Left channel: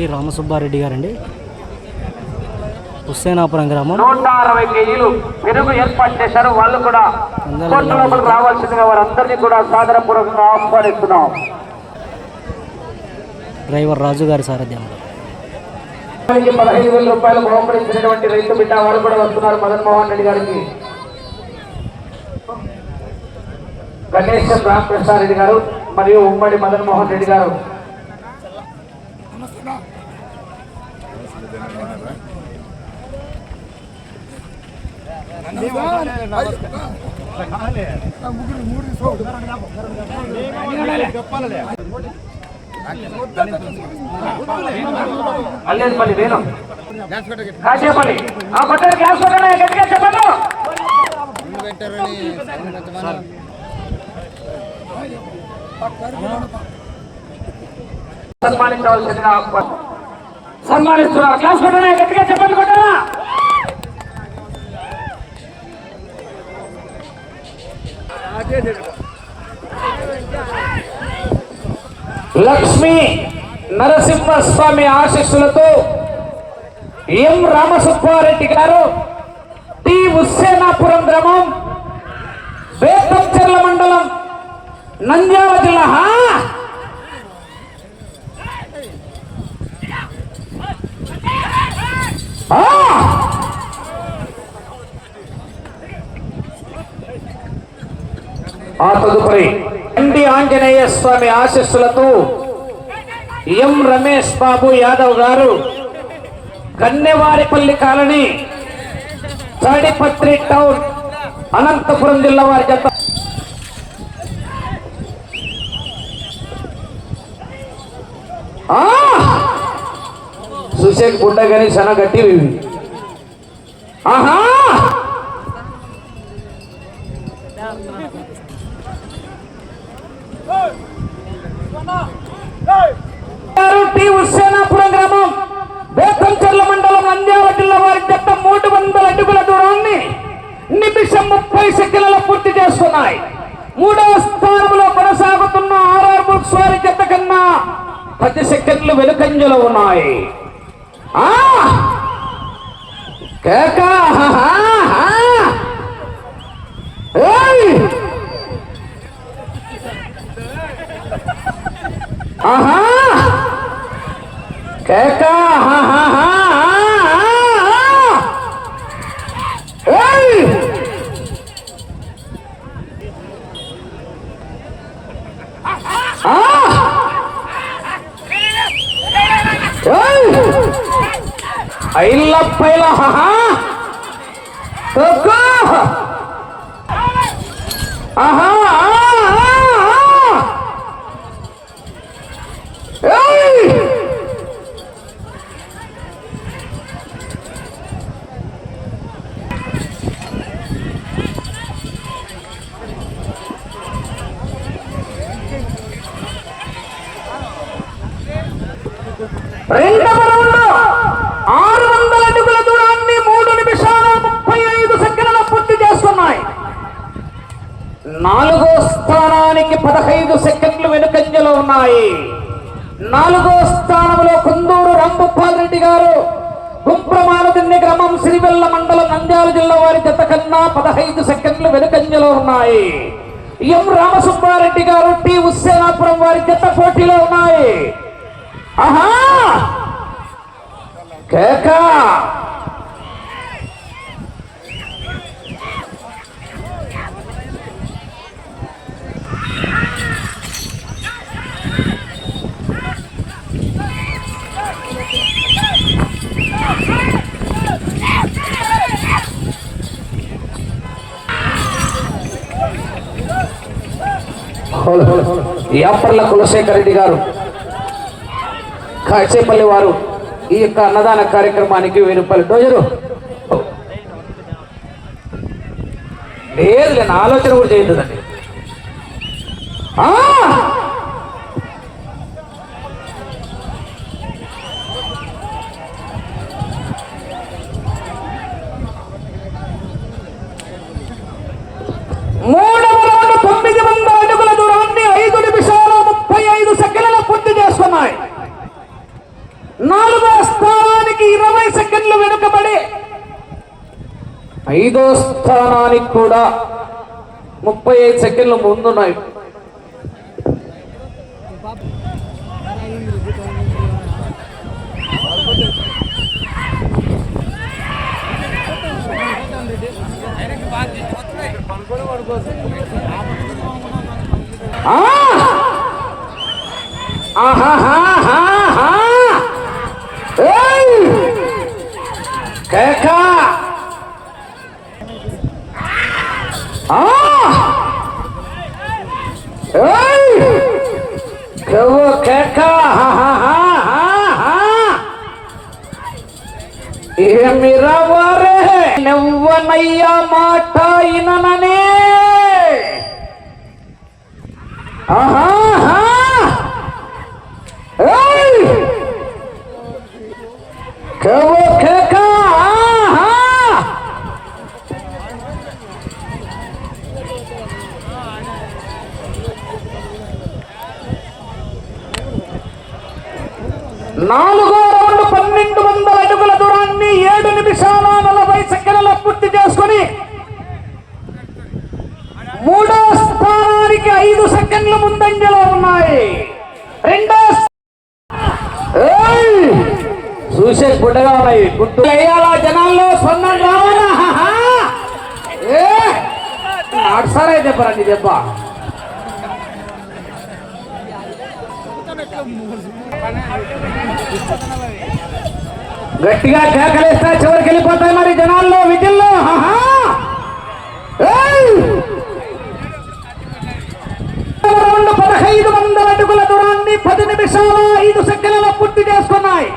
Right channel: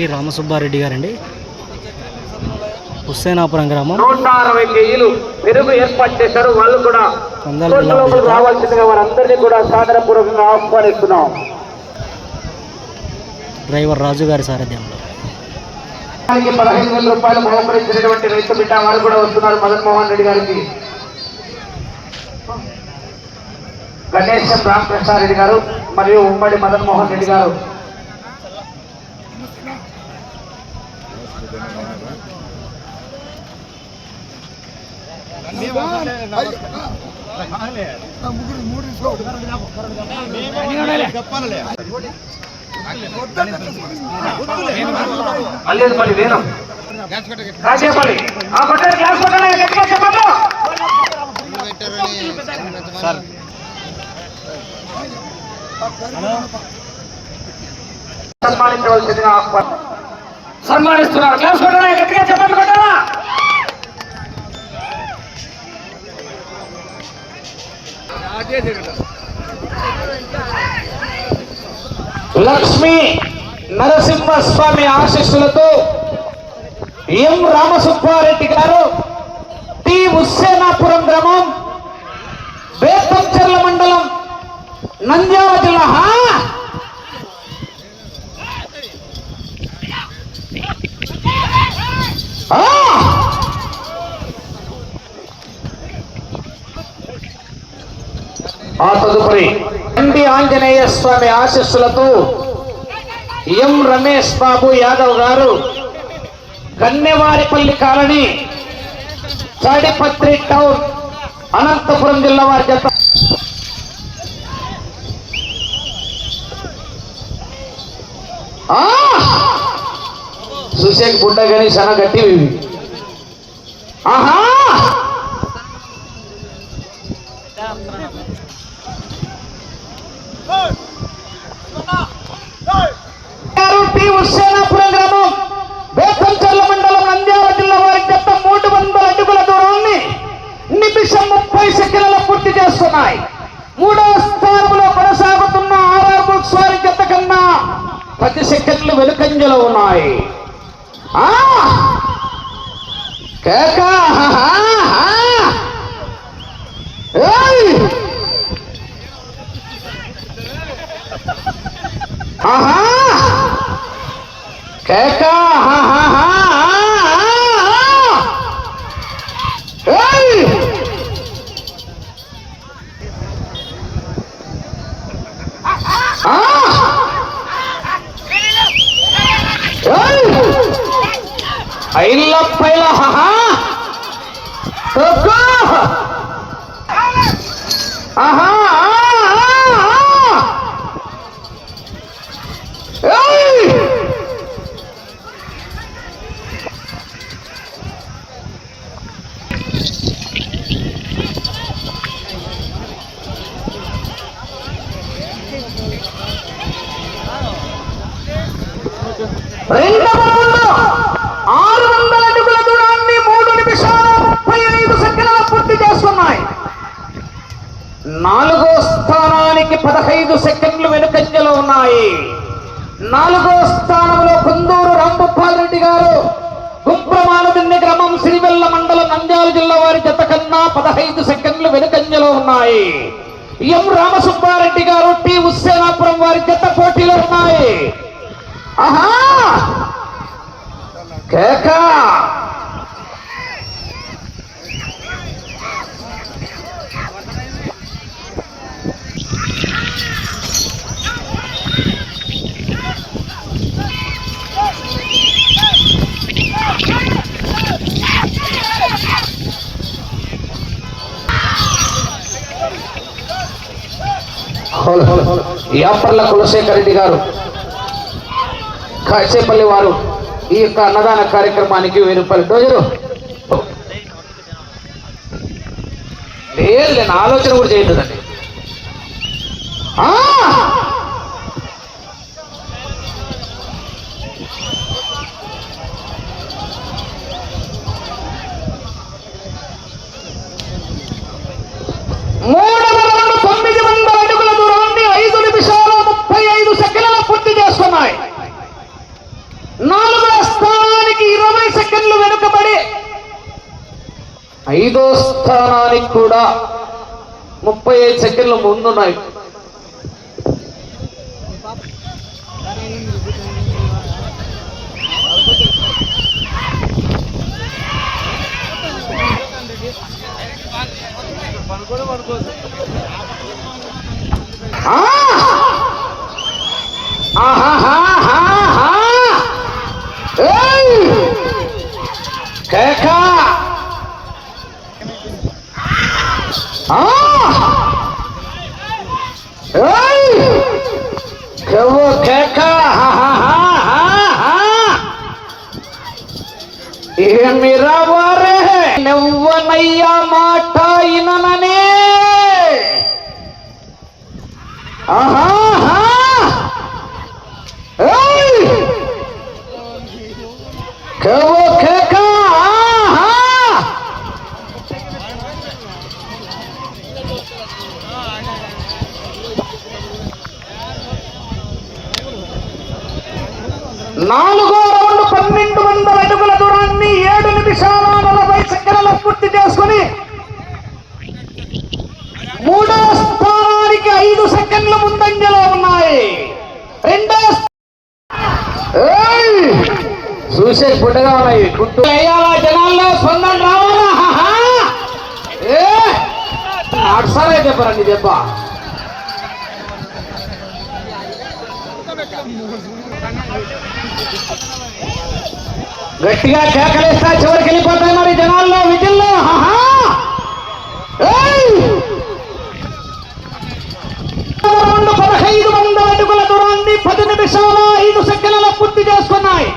T Ramasubba Reddy గారండి, హుస్సేనాపురం గ్రామం. 160 కేజీలు పెరుగు ఏర్పాటు చేశారు. వాళ్ళు కూడా రావాల్సిందిగా వారందరినీ కూడా సాదరపూర్వకంగా ఆహ్వానిస్తున్నాం. డ్రైవర్ రాజు గారి సారథ్యంలో 15,000 రూపాయలు బహుమతించినటువంటి రైతు బిడ్డ వారు కూడా వస్తున్నారు. మదన్ మోహన్ రెడ్డి గారికి, గణేశం రామకృష్ణారెడ్డి గారు మరియు ఉమ్మడి మదన్ మోహన్ రెడ్డి గారు. అల్లేపల్లి వేణు కాసేపల్లి ఆ పట్టారు గ్లాస్ పట్టాలి గట్టిగా చెప్పండి. సన్మానించవలసిందిగా సన్మానిస్తున్నారు. గ్లాస్ పట్టాలి గట్టిగా చెప్పండి. కొట్టాలా లక్ష్మీ నరసింహస్వామి ఆశీస్సులతో ఎం రామసుబ్బారెడ్డి గారు, టి హుస్సేనాపురం గ్రామం, బేతంచెర్ల మండలం, నంద్యాల జిల్లా. ఆ తదుపరి ఎండి ఆంజనేయ స్వామి ఆశీస్సులతో ఎం రమేష్ బాబు యాదవ్ గారు, కన్నెవారిపల్లి కాలనీ, తాడిపత్రి టౌన్, అనంతపురం జిల్లా వారి జత. చూసే గుడ్డ కానీ చాలా గట్టి. ఆహా టి హుస్సేనాపురం గ్రామం, బేతంచెర్ల మండలం, నంద్యాల జిల్లా వారి జత 300 అడుగుల దూరాన్ని నిమిషం 30 సెకండ్లలో పూర్తి చేస్తున్నాయి. 3వ స్థానంలో కొనసాగుతున్న ఆర్ఆర్ బుక్స్ వారి జత కన్నా 10 సెకండ్లు వెనుకంజలో ఉన్నాయి. రెండవ రౌండ్ 600 అడుగుల దూరాన్ని 3 నిమిషాల 35 సెకండ్ల పూర్తి చేస్తున్నాయి. 4వ స్థానానికి 15 సెకండ్లు వెనుకంజలో ఉన్నాయి. 4వ స్థానంలో కుందూరు రాంభూపాల్ రెడ్డి గారు, గుంప్రమానదిన్నె గ్రామం, శ్రీవెల్ల మండలం, నంద్యాల జిల్లా వారి జత కన్నా 15 సెకండ్లు వెనుకంజలో ఉన్నాయి. ఎం రామసుబ్బారెడ్డి గారు, టి హుస్సేనాపురం వారి జత పోటీలో ఉన్నాయి. ఆహా కేక యాపర్ల కులశేఖర్ రెడ్డి గారు, కాచేపల్లి వారు ఈ యొక్క అన్నదాన కార్యక్రమానికి 1000 రూపాయలు డోజరు. లేదు ఆలోచన కూడా చేయలేదండి. కూడా 35 సెకండ్లు ముందున్నాయి. ఏమిరవరే నువ్వనయ్యా మాట ఇనననే నాలుగో రౌండ్ 1200 అడుగుల దూరాన్ని 7 నిమిషాల 40 సెకండ్ల పూర్తి చేసుకుని మూడో స్థానానికి 5 సెకండ్ల ముందంజలో ఉన్నాయి. రెండో చూసే గుడ్డగా ఉన్నాయి. గుట్టు వేయాలా జనాల్లో స్పందన రావాలా? నాడుసారే చెప్పరండి దెబ్బ. గట్టిగా కేకలేస్తా చివరికి వెళ్ళిపోతాయి మరి జనాల్లో విజిల్లో. 1500 అడుగుల దూరాన్ని 10 నిమిషాల 5 సెకండ్లలో పూర్తి చేసుకున్నాయి.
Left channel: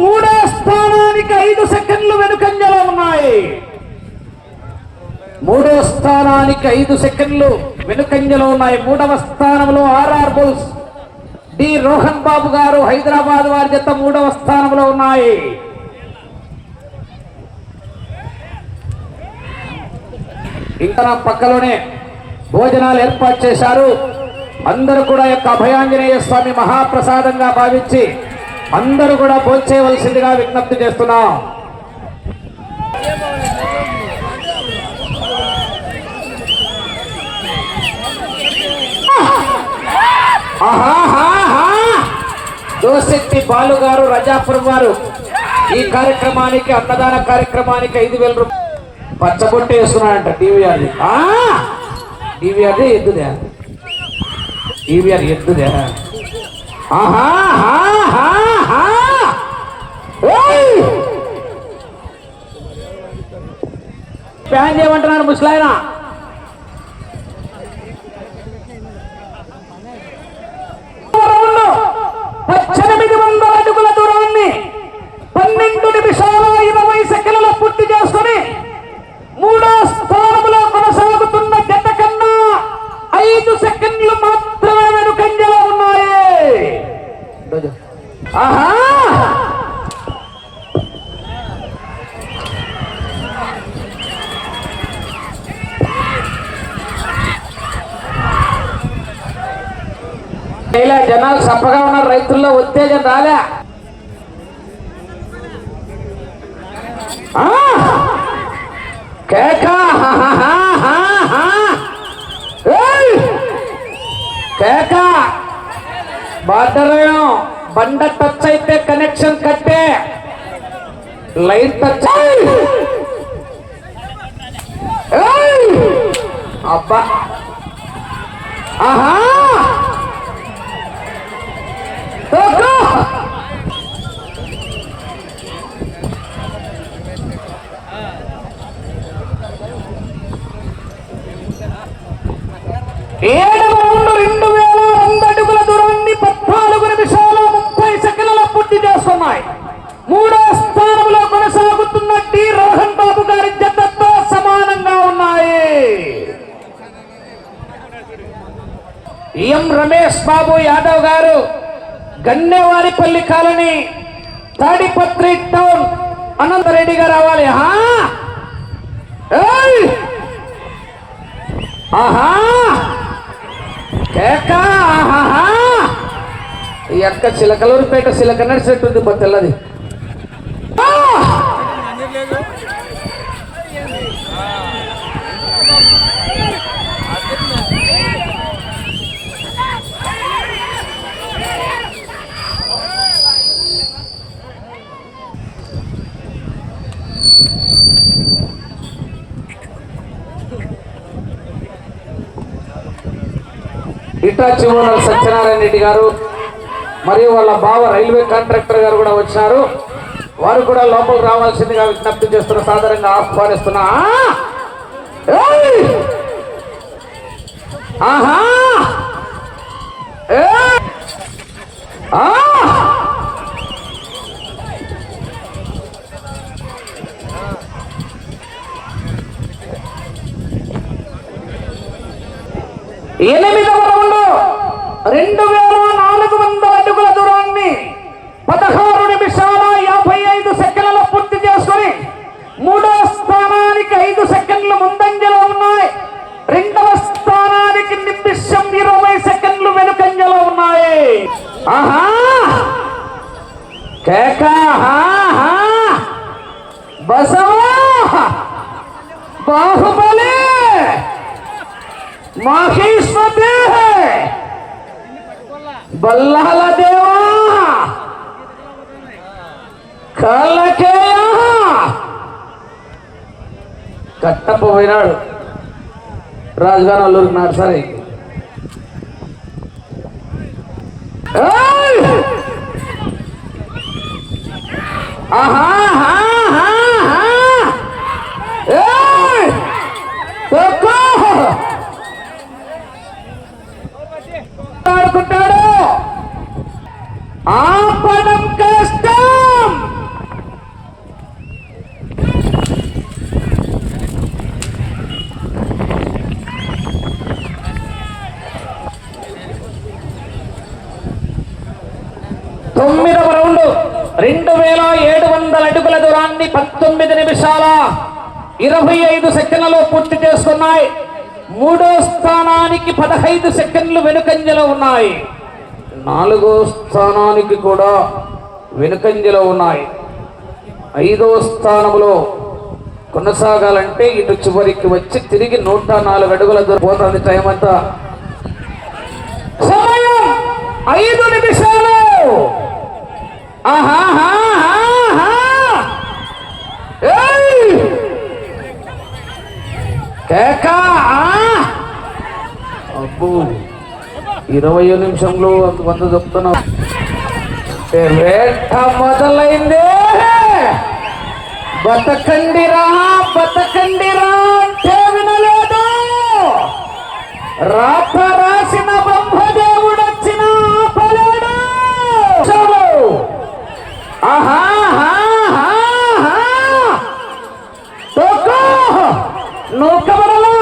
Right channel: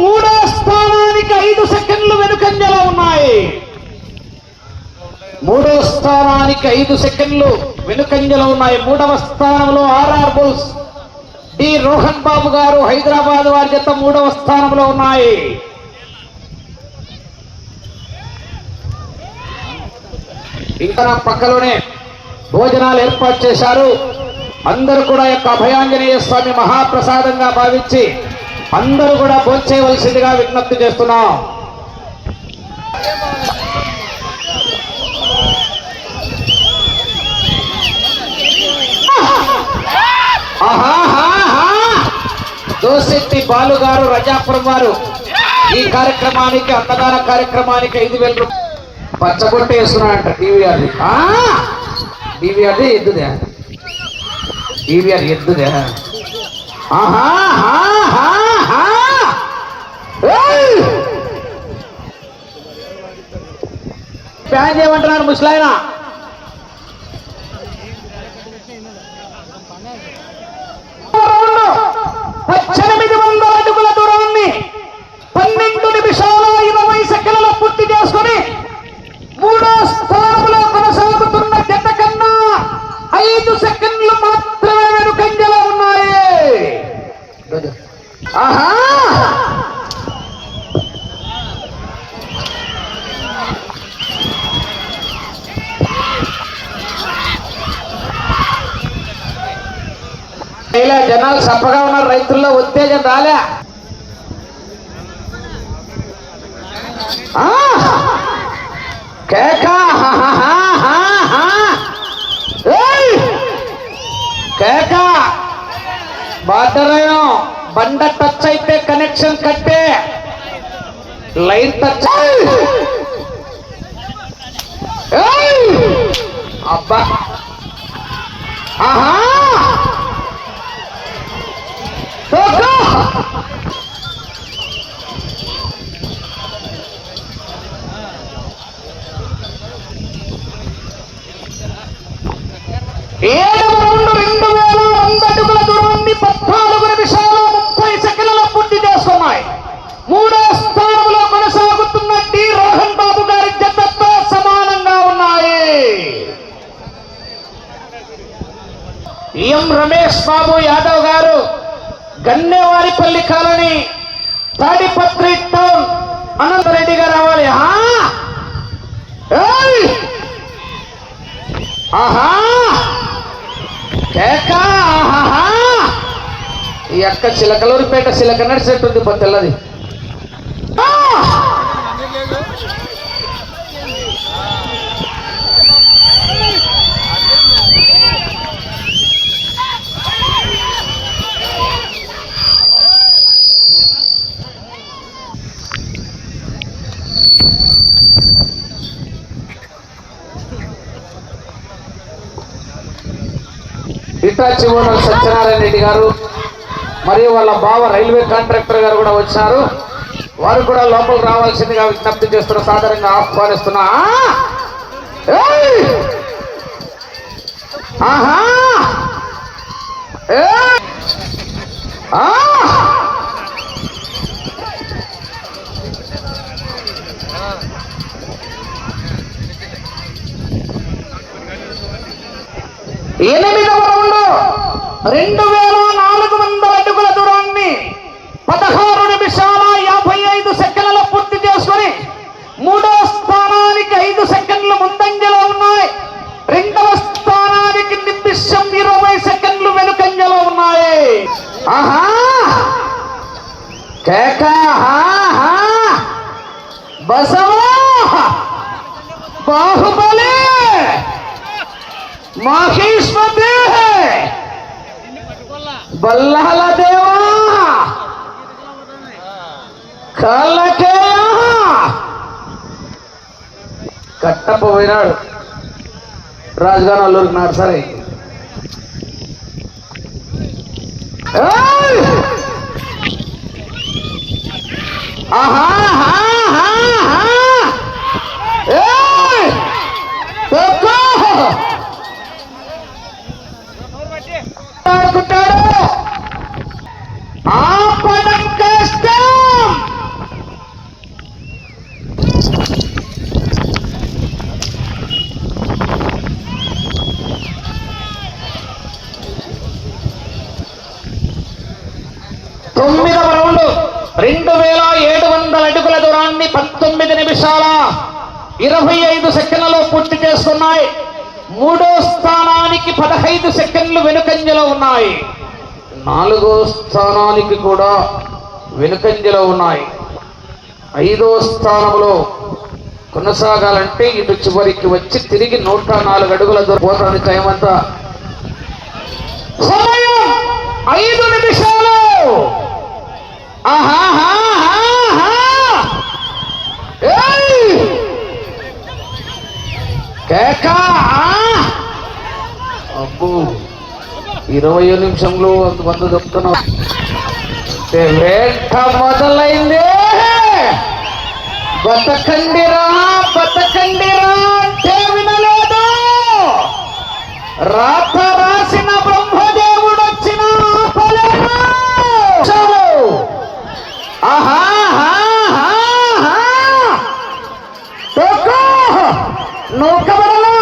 మూడో స్థానానికి 5 సెకండ్లు వెనుకంజలో ఉన్నాయి. మూడో స్థానానికి 5 సెకండ్లు వెనుకంజలో ఉన్నాయి. మూడవ స్థానంలో ఆర్ఆర్ బుల్స్ డి రోహన్ బాబు గారు హైదరాబాద్ వారి జత మూడవ స్థానంలో ఉన్నాయి. ఇంకా పక్కలోనే భోజనాలు ఏర్పాటు చేశారు. అందరూ కూడా యొక్క అభయాంజనేయ స్వామి మహాప్రసాదంగా భావించి అందరూ కూడా భోంచేయవలసిందిగా విజ్ఞప్తి చేస్తున్నాం. దోశెట్టి బాలు గారు రజాపురం వారు ఈ కార్యక్రమానికి అన్నదాన కార్యక్రమానికి 5,000 రూపాయలు పచ్చబొట్టు వేస్తున్నాడంట. టీవీఆర్ది ఎద్దుదే, టీవీఆర్ ఎద్దుదే. ప్యాన్ చేయమంటున్నారు ముసలాయన. అడుగుల దూరాన్ని 12 నిమిషాల 20 సెకండ్ల పూర్తి చేసుకుని మూడో స్థానంలో కొనసాగుతున్న జత కన్నా 5 సెకండ్లు మాత్రమే వెనుకంజలో ఉన్నాయి. ఇలా జనాలు సప్పగా ఉన్నారు. రైతుల్లో ఉత్తేజం రాలే. బాటరయం బండ టచ్ అయితే కనెక్షన్ కట్టే, లైన్ టచ్ అబ్బా. ఏడు 2000 అడుగుల దూరాన్ని 14 నిమిషాల 30 సెకండ్ల పూర్తి చేసుకున్నాయి. మూడో స్థానంలో కొనసాగుతున్న డి రోహన్ బాబు గారి జతతో సమానంగా ఉన్నాయి. ఎం రమేష్ బాబు యాదవ్ గారు గన్నెవారిపల్లి కాలనీ తాడిపత్రి టౌన్ అనంతరెడ్డి గారు రావాలి. ఈ అక్క చిలకలూరుపేట చిలక నడిచేట్టుంది తెల్లది. ఇటాచి ఓనర్ సత్యనారాయణ రెడ్డి గారు మరియు వాళ్ళ బావ రైల్వే కాంట్రాక్టర్ గారు కూడా వచ్చినారు. వారు కూడా లోపల రావాల్సిందిగా విజ్ఞప్తి చేస్తున్న, సాధారణంగా ఆహ్వానిస్తున్నా. ఆహా 8వ రౌండ్ 2400 అడుగుల దూరాన్ని 16 నిమిషాల 55 సెకండ్లలో పూర్తి చేసుకొని 3వ స్థానానికి 5 సెకండ్లు ముందంజలో ఉన్నాయి. 2వ స్థానానికి నిమిషం 20 సెకండ్లు వెనుకంజలో ఉన్నాయి. ఆహా కేకా బసవా బాహుబలి మహేశ్వరి బల్లాల దేవా కళ్ళకేయ కట్టపోయినాడు. రాజుగారు అల్లూరికి నర్సరీ. ఆపడం కష్టం. తొమ్మిదవ రౌండ్ 2700 అడుగుల దూరాన్ని 19 నిమిషాల 25 సెకండ్లలో పూర్తి చేసుకున్నాయి. 3వ స్థానానికి 15 సెకండ్లు వెనుకంజలో ఉన్నాయి. 4వ స్థానానికి కూడా వెనుకంజలో ఉన్నాయి. 5వ స్థానంలో కొనసాగాలంటే ఇటు చివరికి వచ్చి తిరిగి 104 అడుగుల దూరం పోతాను. టైం అంతా సమయం 5 నిమిషాలు. అబ్బో 20 నిమిషంలో వంద చెప్తున్నా. మొదలైంది. బతకండిరా బతకండిరా అంటే వినలేదు. రాత రాసిన బ్రహ్మదేవుడు వచ్చిన ఆపలేడు. నూకబడలా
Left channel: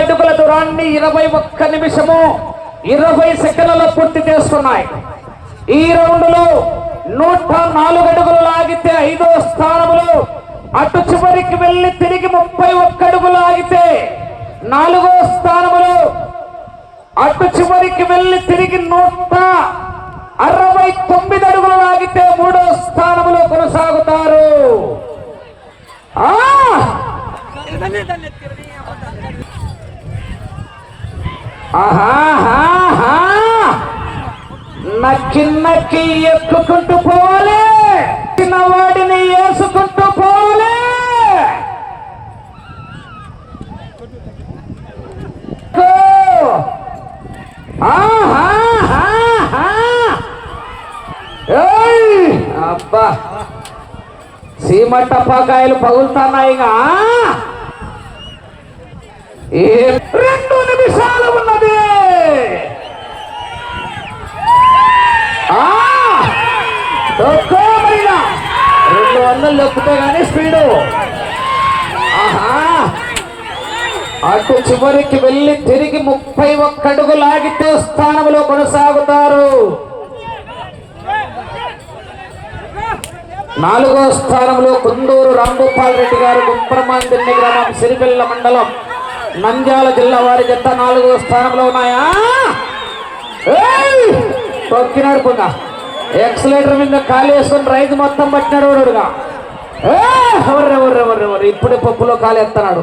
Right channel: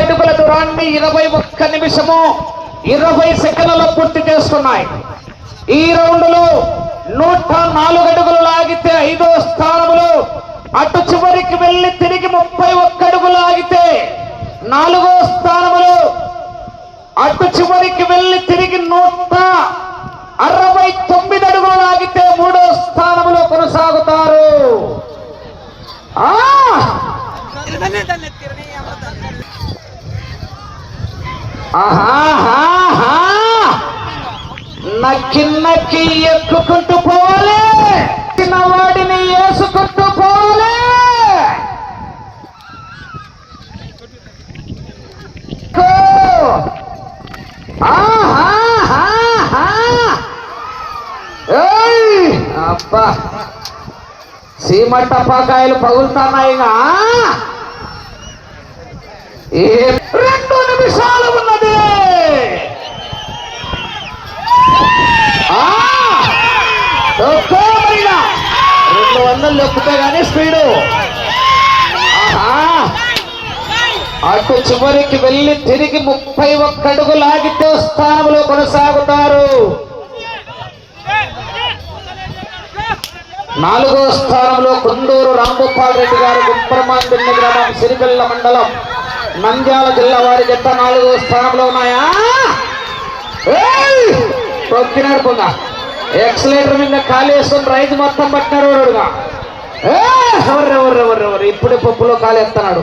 అడుగుల దూరాన్ని 21 నిమిషము 20 సెకండ్లలో పూర్తి చేస్తున్నాయి. ఈ రౌండ్ లో 104 అడుగులు లాగితే 5వ స్థానంలో, అటు చివరికి వెళ్లి తిరిగి 31 అడుగులు లాగితే 4వ స్థానంలో, అటు చివరికి వెళ్లి తిరిగి 169 అడుగులు లాగితే 3వ స్థానంలో కొనసాగుతారు. నక్కి నక్కి ఎక్కుకుంటూ పోలే, చిన్నవాడిని వేసుకుంటూ పోలే. అబ్బా సీమ టపాకాయలు పగులుతున్నాయిగా. 2 నిమిషాలు ఉన్నది. 200 లొక్కుతే గానీ స్పీడు. అటు చివరికి వెళ్ళి తిరిగి 31 అడుగులు లాగితే స్థానంలో కొనసాగుతారు. 4వ స్థానంలో కుందూరు రాంభూపాల్ రెడ్డి గారు, గుంప్రమాందిన్ని గ్రామం, సిరిగల్ల మండలం, నంద్యాల జిల్లా వారి జట్ట 4వ స్థానంలో ఉన్నాయా. తొక్కినాడు పొంద ఎక్సలేటర్ మీద ఖాళీ వేసుకొని రైతు మొత్తం పట్టినారు. ఎవరెవరెవరెవరు ఇప్పుడు పప్పులో ఖాళీ ఎత్తన్నాడు.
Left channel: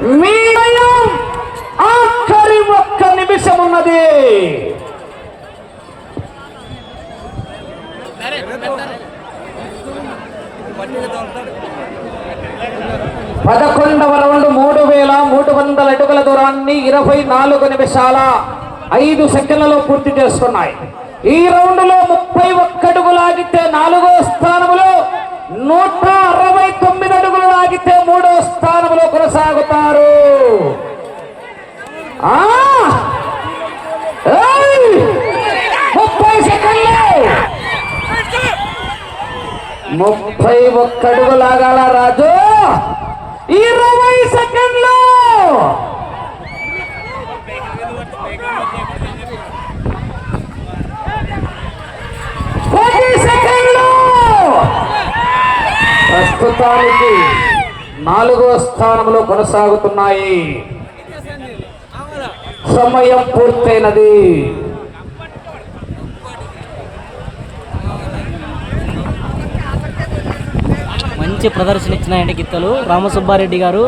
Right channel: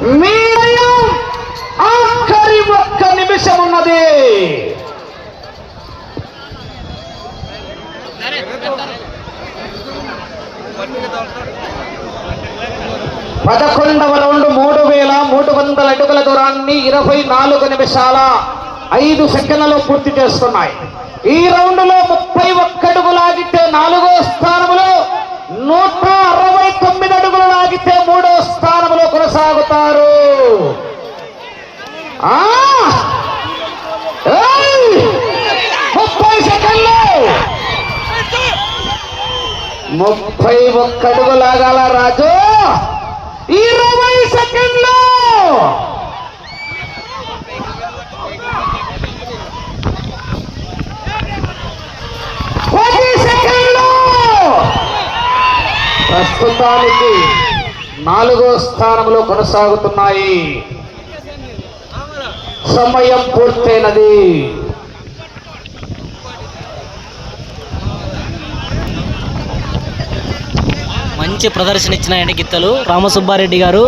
మీరయం ఆఖరి ఒక్క నిమిషం ఉన్నది. పదకొండవ రౌండ్ 3300 అడుగుల దూరాన్ని 24 నిమిషాల 5 సెకండ్లలో పూర్తి చేసుకున్నాయి. ఈ రౌండ్ లో 31 అడుగులు లాగితే 4వ స్థానంలో, 169 అడుగులు లాగితే 3వ స్థానంలో కొనసాగుతారు. 30 సెకండ్లు, 31 అడుగు లాగాల రాజు. 20 సెకండ్లు, 10 సెకండ్లు. ప్రస్తుతానికి 4వ స్థానంలో కొనసాగుతున్నాయి. సమయం పూర్తయినది. మంచి ప్రదర్శన ఇచ్చినాయండి గిత్తలు. రామసుబ్బారెడ్డి గారు,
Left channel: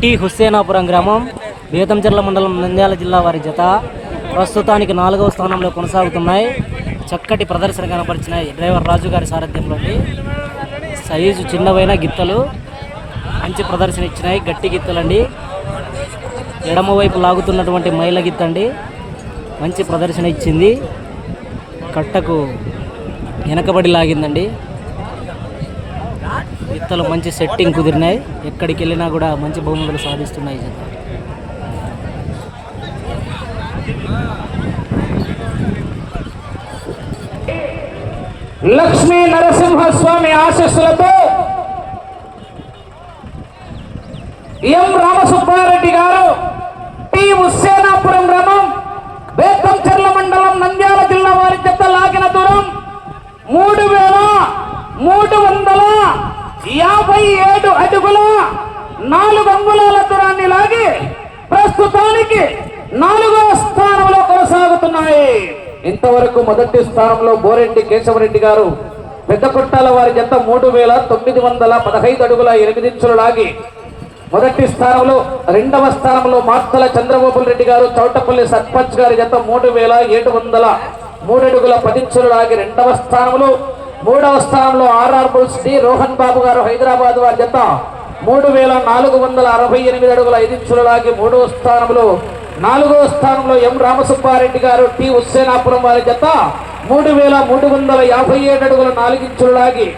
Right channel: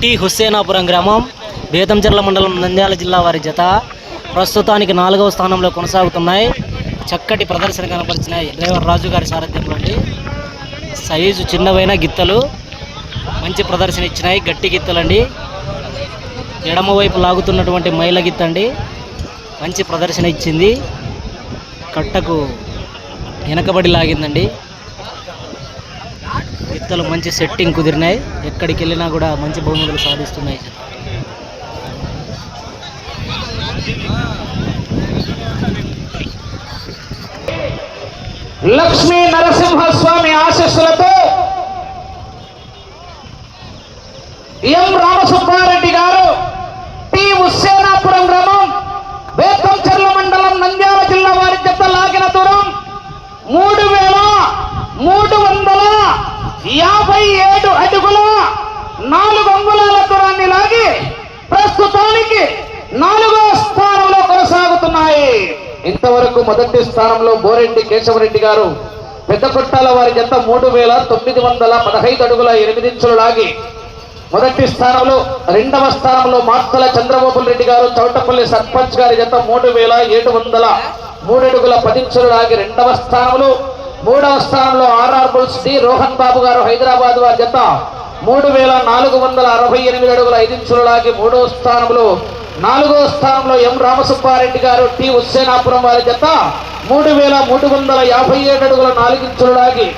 టి హుస్సేనాపురం గ్రామం, బేతంచెర్ల మండలం, నంద్యాల జిల్లా వారి జత ప్రస్తుతానికి 4వ స్థానంలో కొనసాగుతున్నాయి. చక్కటి ప్రదర్శన కనపరిచినాయి డ్రైవర్ రాజు గారి సారథ్యంలో. సైజు చిన్నవైన గిత్తలు మంచి ప్రదర్శన ఇచ్చినాయి. గట్టి గిత్తలండి. ఎడమవైపు లాగుతున్నటువంటి మైల గిత్తండి మంచి ప్రదర్శన ఇచ్చింది. కట్టకు వెనకబడి లాగిందండి. గిత్తలు మంచి సెట్టింగ్ కుదిరినాయి. ఎక్కడికి వెళ్ళినా కూడా మంచి బహుమతులు సాధిస్తున్నాయి జత. లక్ష్మీ నరసింహస్వామి ఆశీస్సులతో ఎం రామసుబ్బారెడ్డి గారు, టి హుస్సేనాపురం గ్రామం, బేతంచెర్ల మండలం, నంద్యాల జిల్లా వారి జత లాగిన దూరం 3357 అడుగుల 4 అంగుళాల దూరాన్ని లాగి ప్రస్తుతానికి 4వ స్థానంలో కొనసాగుతున్నాయి. ఇంతవరకు మొదటి స్థానంలో బోరెడ్డి కేశవరెడ్డి గారు, పెద్ద కొట్టాల వారి జత 3915 అడుగుల 8 ఇంచులు లాగి మొదటి స్థానంలో. 2వ స్థానంలో మార్తల చంద్రబాబు రెడ్డి గారు, చౌటపల్లి సర్పంచ్ గారి జత 3703 అడుగుల 10 ఇంచులు లాగి 2వ స్థానంలో. 3వ స్థానంలో ఆర్ఆర్ బుల్స్ డి రోహన్ బాబు గారు, హైదరాబాద్ వారి జత 3468 అడుగుల 5 ఇంచులు లాగి 3వ స్థానంలో. 4వ స్థానంలో ఎం రామసుబ్బారెడ్డి గారు, టి హుస్సేనాపురం వారి జత 3357 అడుగుల 4 ఇంచులు లాగి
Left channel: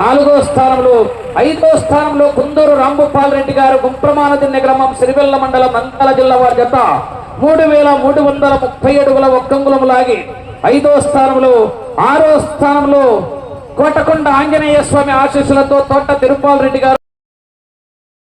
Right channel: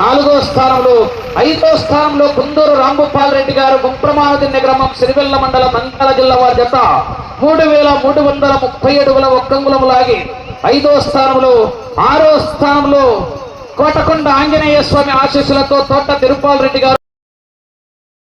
4వ స్థానంలో. 5వ స్థానంలో కుందూరు రాంభూపాల్ రెడ్డి గారు, గుంప్రమానదిన్నె గ్రామం, సిరివెల్ల మండలం, నంద్యాల జిల్లా వారి జత 3330 అడుగుల 1 అంగుళం లాగి 5వ స్థానంలో. 6వ స్థానంలో కోటకొండ ఆంజనేయ స్వామి ఆశీస్సులతో తోట తిరుపాల్ రెడ్డి గారు,